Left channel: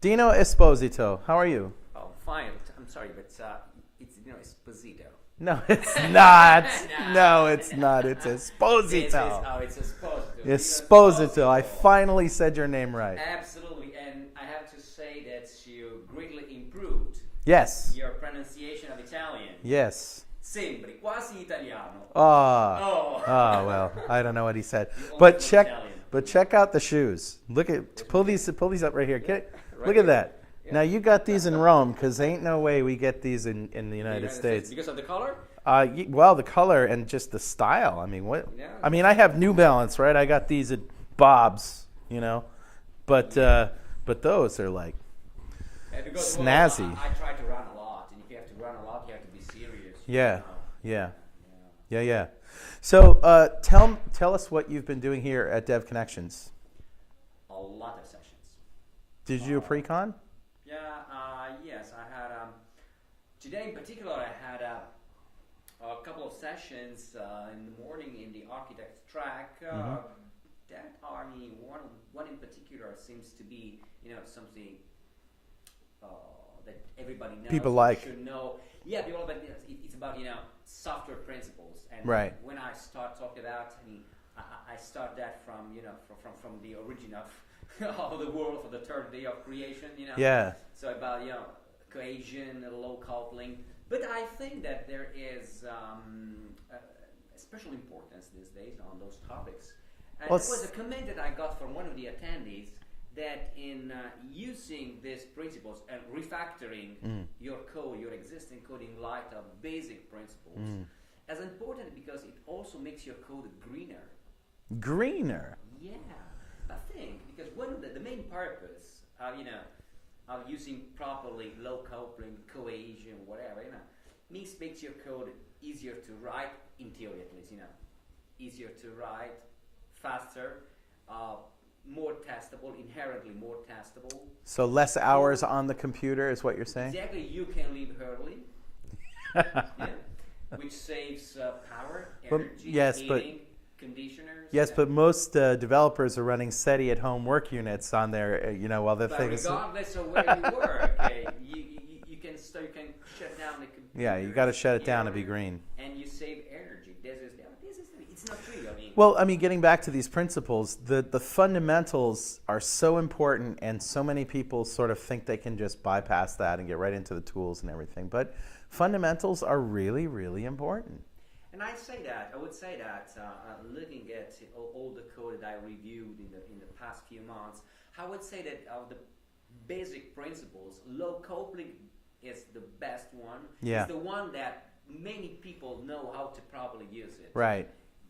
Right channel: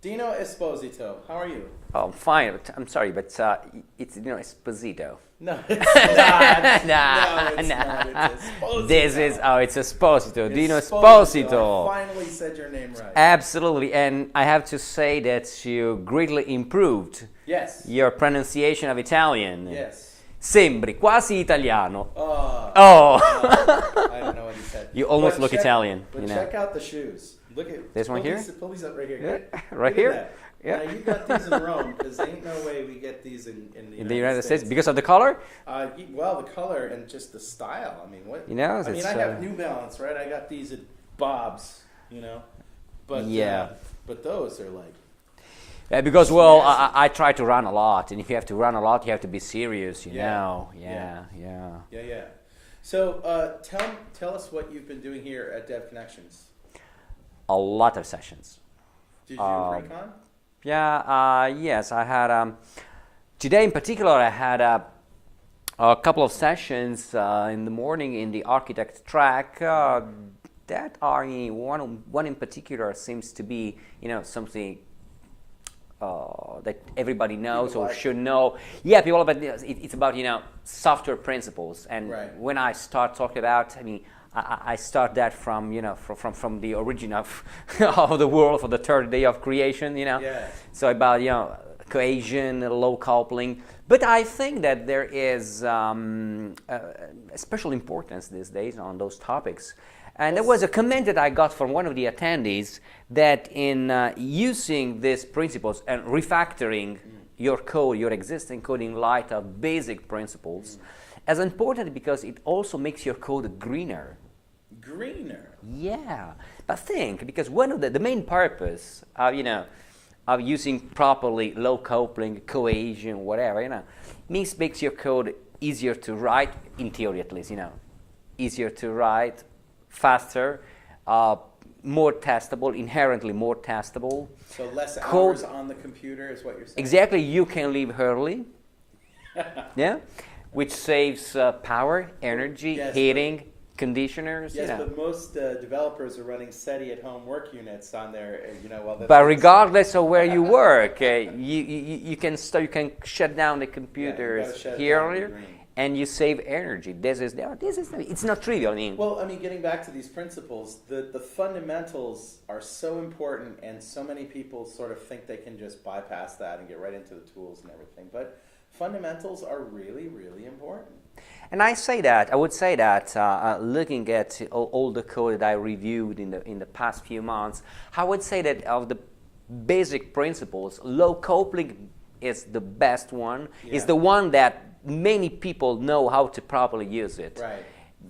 Dino Esposito, how are you? Oh, fine. I'm sorry, but it's Dino Esposito. No, it's not. Nah, No, it's nah. not. It's Esposito. It's Esposito. Dino Esposito. Esposito. I finally said your name right. Absolutely, and I have to say that you greatly improved Yes. your pronunciation of Italian. Yes. Sembri quasi italiano. Oh. Oh. Well, I don't know what he said. You almost look check, Italian. But check out the shoes. Look at This pull one here? pull these up right here. Right Look here? at that. Yeah. Now you got these in Rome because ain't no way we get these in the United States. Because of the color. Well, the color and just the style. I mean, what? You know, I mean, it's, I have New Balance, right? I got these at Bob's, but Yeah. but those are like Because snazzy. I try to run a lot, and if you have to run a lot, you have to be serious. You Yeah. know. Yeah. Yeah. yeah. So tell us what you've been doing here at DevConnections. A lot of sessions. Did you do a pre-con? Yeah, yes, I had, today in particular, I had a couple of sessions in the morning in the architect track that are, one in particular seems to be, something that everybody knows People or like. should know. Yeah, people, but it's about, software principles. And Right. when I start talking about, I start that from from the origin of of the world, for the third day of creation. Yeah. So about cohesion, low coupling. But I think that there is special importance these days on those topics. And there was a comment that I got from one of the attendees that in using these principles and refactoring your code, your existing code in light of basic principles, as important because it also makes your code greener. Greener. Yeah, but think, because one of the main purpose of of using properly low coupling, cohesion, whatever, makes your code easier to write, in theory at least, easier to write, faster, more testable, inherently more testable. So less hours on the computer is what you're saying? Exactly, you can leave early, yeah, which saves power, energy, yes, heating, conditioners. Yes, but most developers are running SETI at home work units on their, while they're. But regardless of where you work, you can shut down the computer. Yeah, you got to shut it down to be green. And you save energy. It's not trivial. Well, getting back to these principles, the fundamentals are so important, and so many people sort of think they can just bypass that and get right into the tools and everything. But fundamentals are really, really important. And I would say that looking at all the code that I reviewed in the past few months, I would say that of the basic principles, low coupling is the best one. Yeah. It's the one that many people know how to properly use it. Right.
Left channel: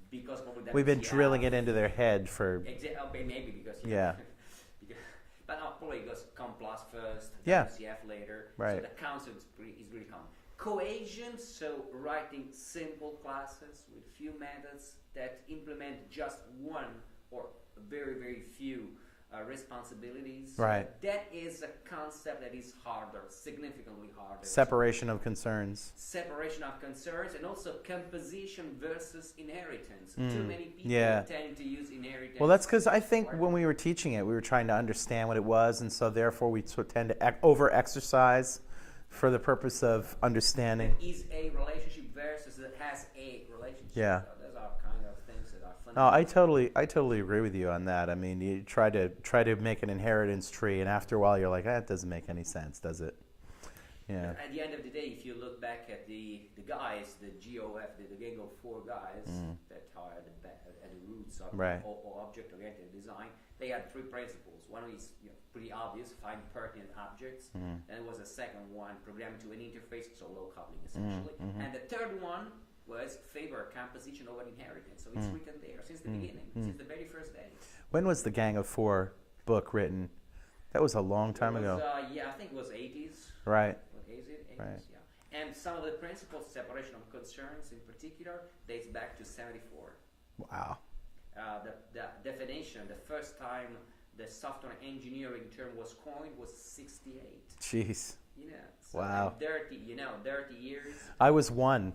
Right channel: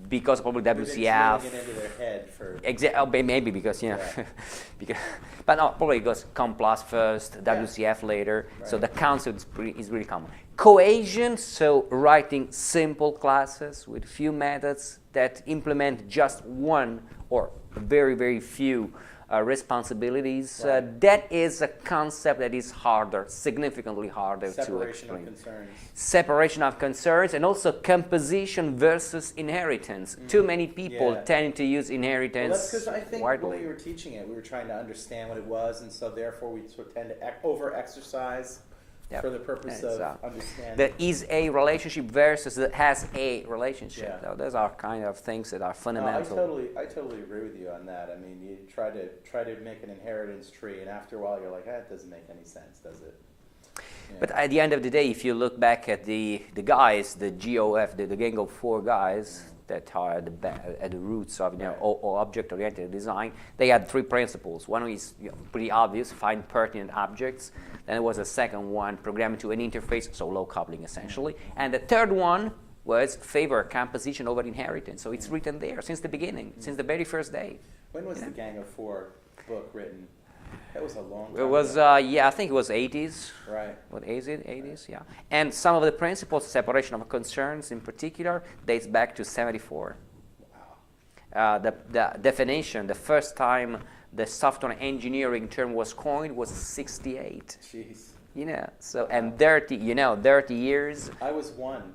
Because probably WCF. We've been drilling it into their head for. Maybe because Yeah. but no, probably it goes COM plus first, Yeah. WCF later. Right. So the concept is really common. Cohesion, so writing simple classes with few methods that implement just one or very, very few responsibilities. Right. That is a concept that is harder, significantly harder. Separation of concerns. Separation of concerns, and also composition versus inheritance. Too many people tend to use inheritance. Well, that's because I think widely. when we were teaching it, we were trying to understand what it was, and so therefore we tend to over-exercise for the purpose of understanding. That is a relationship versus that has a relationship. Yeah. So those are kind of things that are No, fundamental. I totally agree with you on that. You try to make an inheritance tree, and after a while you're like, that doesn't make any sense, does it? Yeah. But at the end of the day, if you look back at the guys, the GOF, the Gang of Four guys that are at the roots of or object-oriented design, they had three principles. One is pretty obvious, find pertinent objects. Then there was a second one, programming to an interface, so low coupling essentially. And the third one was favor composition over inheritance. So it's written there since the beginning, since the very first day. When was the Gang of Four book written? That was a long time It was, ago. I think it was 80s. Right. What is it? 80s, yeah. And some of the principles, separation of concerns in particular, dates back to 74. Wow. The definition, the first time the software engineering term was coined was 68. Jeez. So, Wow. and 30 years. I was one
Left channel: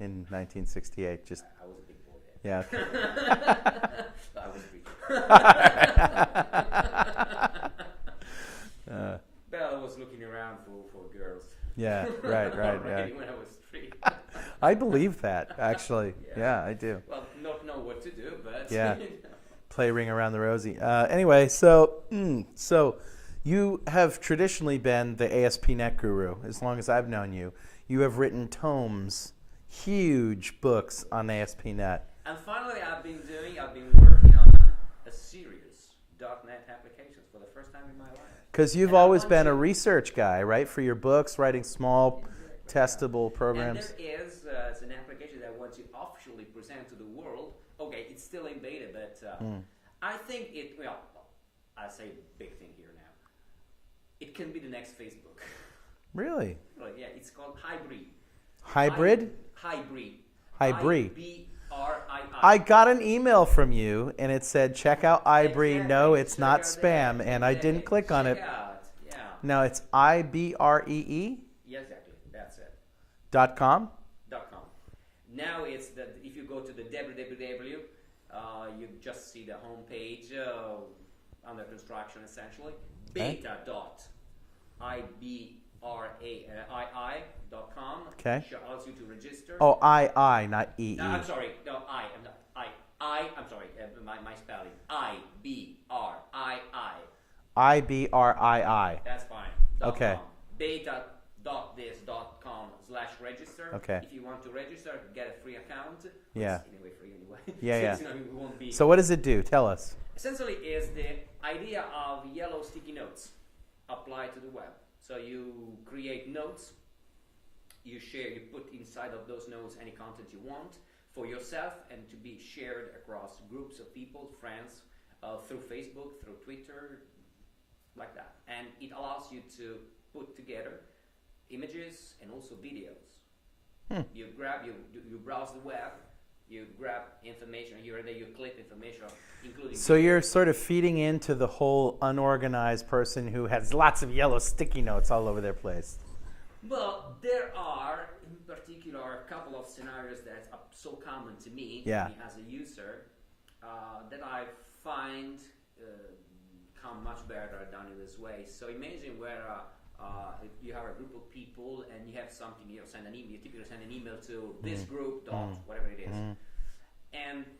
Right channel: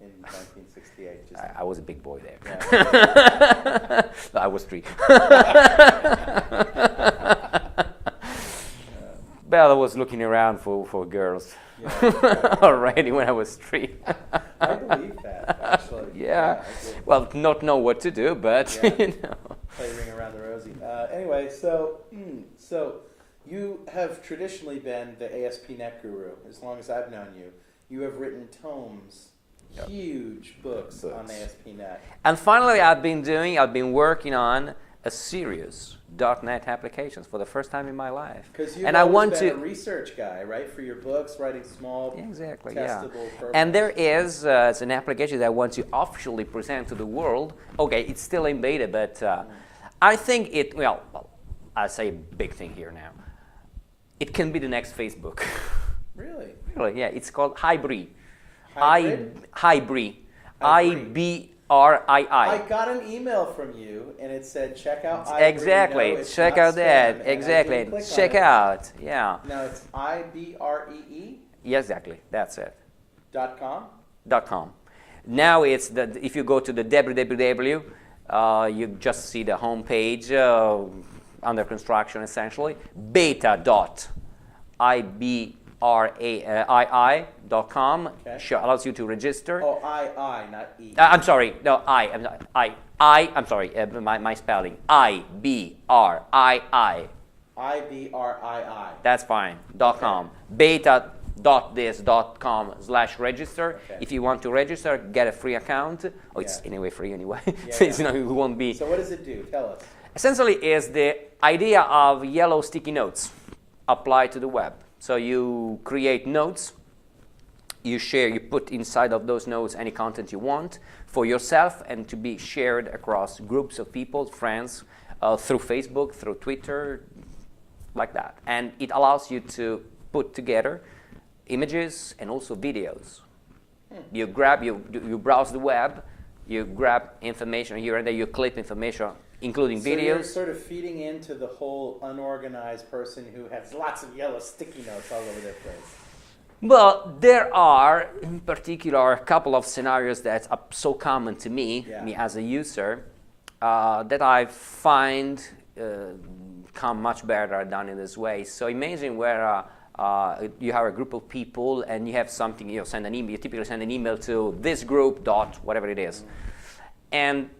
in 1968. Just I was a big boy there. yeah. No, I was 3. was looking around for girls. Yeah, right, Already right. when I was 3. I believe that, actually. Yeah. I do. Well, not know what to do, but Yeah. you know. Play Ring Around the Rosie. Anyway, so you have traditionally been the ASP.NET guru as long as I've known you. You have written tomes, huge books on ASP.NET. And finally, I've been working on a serious .NET applications for the first time in my life. Because you've And always been a research guy, right? For your books, writing small, testable programs. And there is an application that I want to officially present to the world. Okay, it's still in beta, but I think I say a big thing here now. It can be the next Facebook. Really? Really, yeah. It's called Hybrid. Hybrid? Hybrid. Hybrid. IBRII. I got an email from you, and it said, check out Hybrid. Exactly. No, it's check not out spam. that. And exactly. I didn't click on it. Check out. Yeah. No, it's IBREE? Yeah, exactly. That's it. .com? .com. Now it's if you go to the www, you just see the home page under construction essentially. beta.ibrii.com allows you to register. Oh, I, not E. I'm sorry. No, I'm sorry. My spelling. IBRII. IBRII. That's fine. .com. beta.this.com/register. Okay. If you want to register, get a free account. Oh, it's anyway free anyway. Yeah, So yeah. it's, you know, it won't be. So what does it do? Tell us. Essentially, is the idea of yellow sticky notes applied to the web. So you create notes. You share. You put inside of those notes any content you want for yourself and to be shared across groups of people, friends, through Facebook, through Twitter, like that. And it allows you to put together images and also videos. You browse the web, you grab information here and there, you clip information, including videos. So you're sort of feeding into the whole unorganized person who has lots of yellow sticky notes all over their place. Well, there are, in particular, a couple of scenarios that are so common to me, me as a user, that I find come much better done in this way. So imagine where you have a group of people and you have something, you send an email, you typically send an email to this group dot whatever it is. And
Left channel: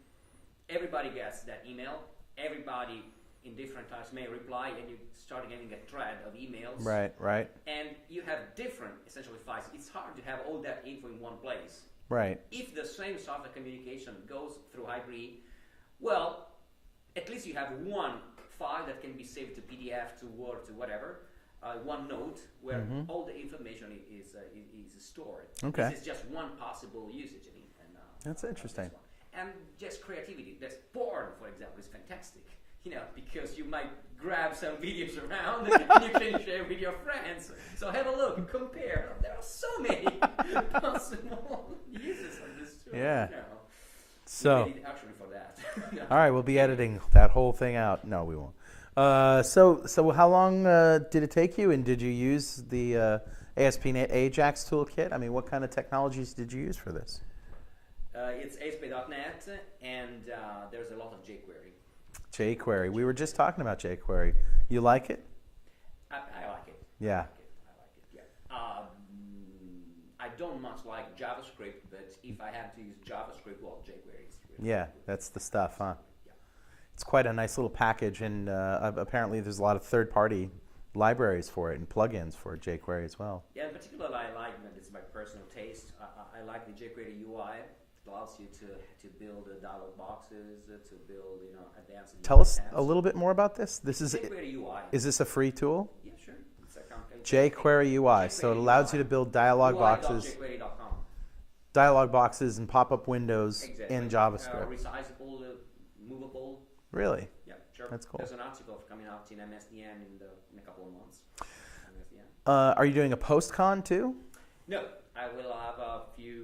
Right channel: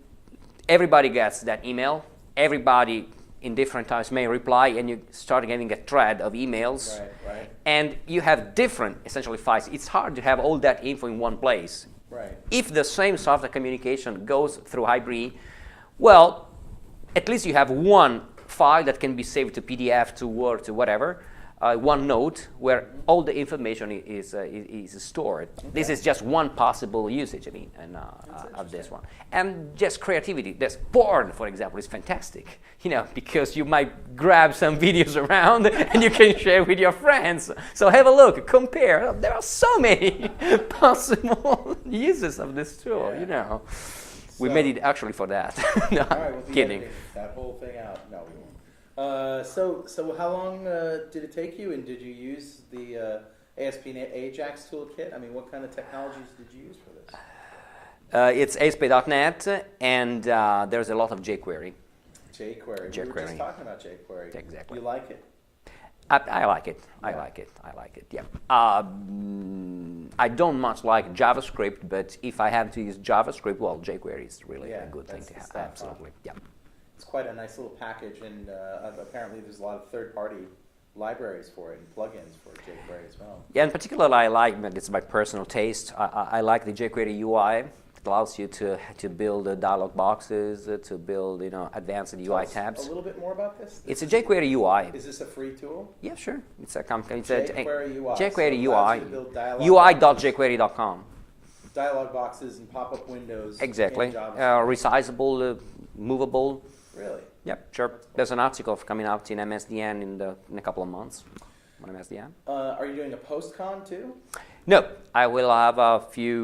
everybody gets that email. Everybody in different times may reply, and you start getting a thread of emails. Right, right. And you have different, essentially, files. It's hard to have all that info in one place. Right. If the same software communication goes through Hybrid, well, at least you have one file that can be saved to PDF, to Word, to whatever, one note where all the information is stored. Okay. This is just one possible usage, of this one. And just creativity. There's porn, for example, is fantastic, because you might grab some videos around and you can share with your friends. So have a look, compare. There are so many possible uses of this tool, We made it actually for that. No, all right, we'll be kidding. editing that whole thing out. No, we won't. So how long did it take you, and did you use the ASP.NET Ajax toolkit? I mean, what kind of technologies did you use for this? It's ASP.NET, and there's a lot of jQuery. jQuery. We were just talking about jQuery. Exactly. You like it? I like it. Yeah. I like it. Yeah. I don't much like JavaScript, but if I have to use JavaScript, well, jQuery is really a good thing. That's the stuff, Absolutely. huh? Yeah. It's quite a nice little package, and apparently there's a lot of third-party libraries for it and plugins for jQuery as well. Yeah, in particular, I like, it's my personal taste, I like the jQuery UI. It allows you to build dialog boxes, to build advanced UI tabs. Tell us a little bit more about this. It's a jQuery UI. Is this a free tool? Yeah, sure. It's a company. jQuery UI. jQuery so it allows you to build dialog UI.jQuery.com. Dialog boxes and pop-up windows Exactly. in JavaScript. Resizable, movable. Really? Yep, sure. That's cool. There's an article coming out in MSDN in a couple of months. On MSDN. Are you doing a post-con too? No, I will have 3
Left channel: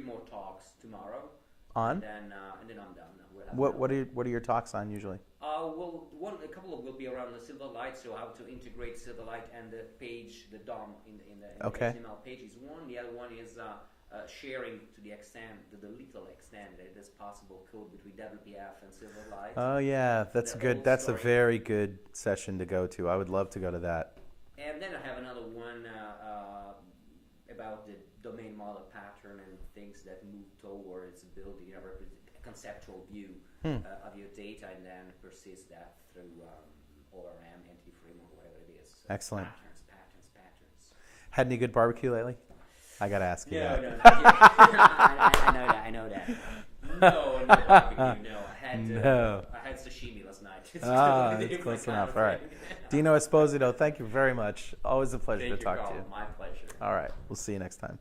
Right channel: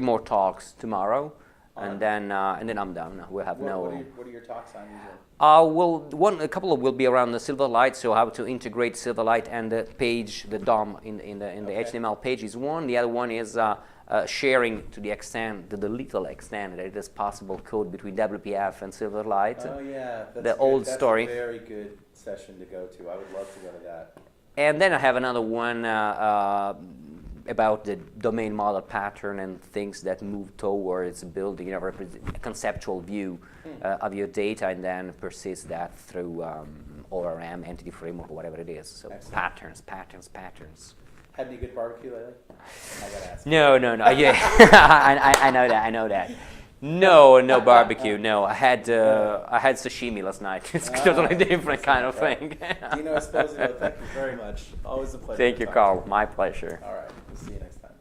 more talks tomorrow, and then I'm done. We'll have what are your talks on usually? A couple will be around the Silverlight, so how to integrate Silverlight and the page, the DOM in the HTML page is one. The other one is sharing to the little extent that it is possible code between WPF and Silverlight. Oh yeah, that's the old that's story. a very good session to go to. I would love to go to that. And then I have another one about the domain model pattern and things that move towards building a conceptual view of your data and then persist that through ORM, entity framework, or whatever it is. So excellent. Patterns. Had any good barbecue lately? I gotta ask. No. Yeah, I know that. No barbecue. No, I had sashimi last night. It's totally different kind of thing. Dino Esposito, thank you very much. Always a pleasure. Thank to you, talk Carl. to you. My pleasure. All right, we'll see you next time.